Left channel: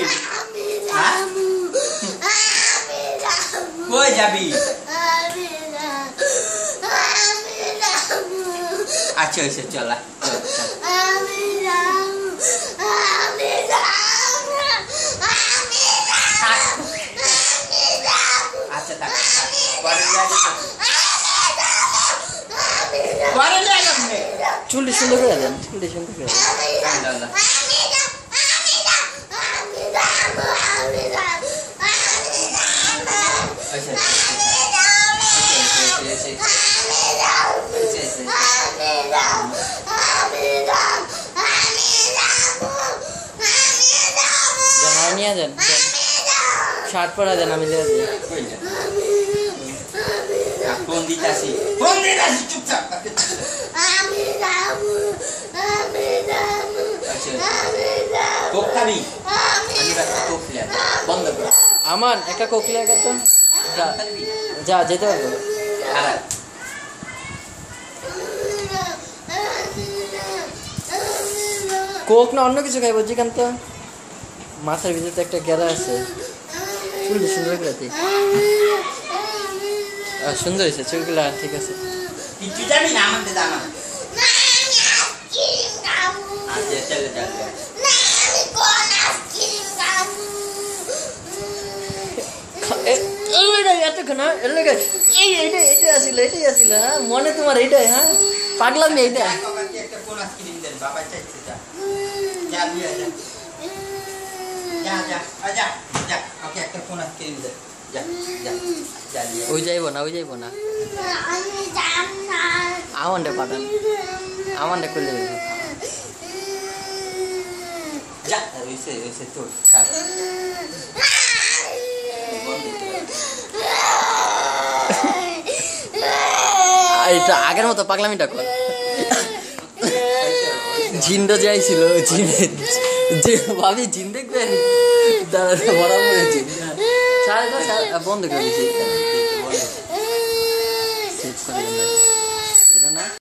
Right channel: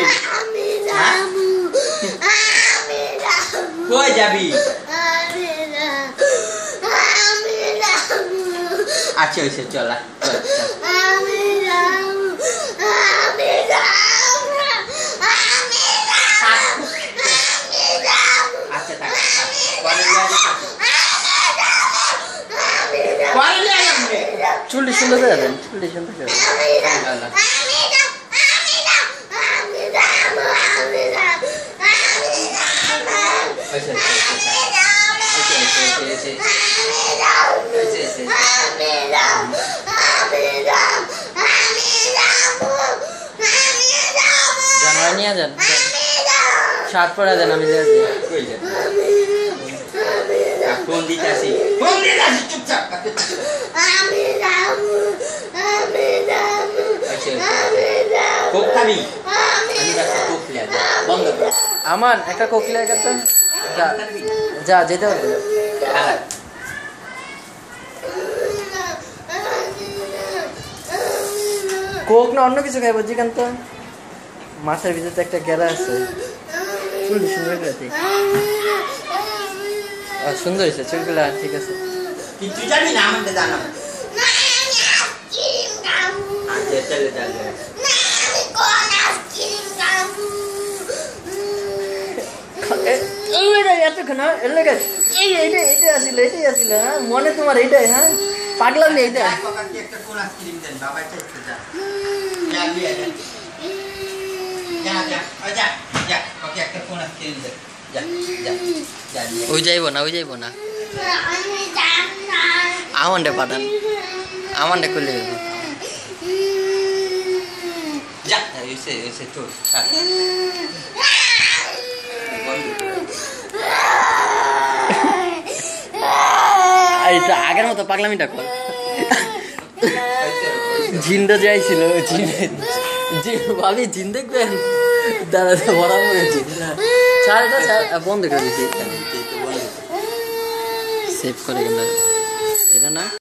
যাবি কই যাবি আচ্ছা হইছে চল আচ্ছা থাক চুলটি সুন্দর করে দেন চুলটি সুন্দর করে জানাই নিয়ে যান শার্ট পরা দেন আমি দিয়ে দিই ফোন দিতাছি চুপচাপ কোক খাবি বন্ধ কর আমান একটা কোক লিয়ে গেত যা যা যেতে হবে কোক না অন্য কিছু খাইব জিকান তো মাথার ভিতরে তো একটা গেরা আছে চুলটি সুন্দর করে সুন্দর হয়েছে চুলগুলা ঠিক আছে কিছু জানি না আমাকে জানা মনে তোমার এইটাই হ্যাঁ পাগলাম নেই এইটা ওই যাইব না আমানটা পাঠান আমানটা করলে এটা আগের মতো পাগলামিটা কর জিন্দা যাইছিল ভাবি জিন দেখবেন দাঁড়া বরাবর জিন্দা বন্ধ করে দিচ্ছি সেভ করে এটা না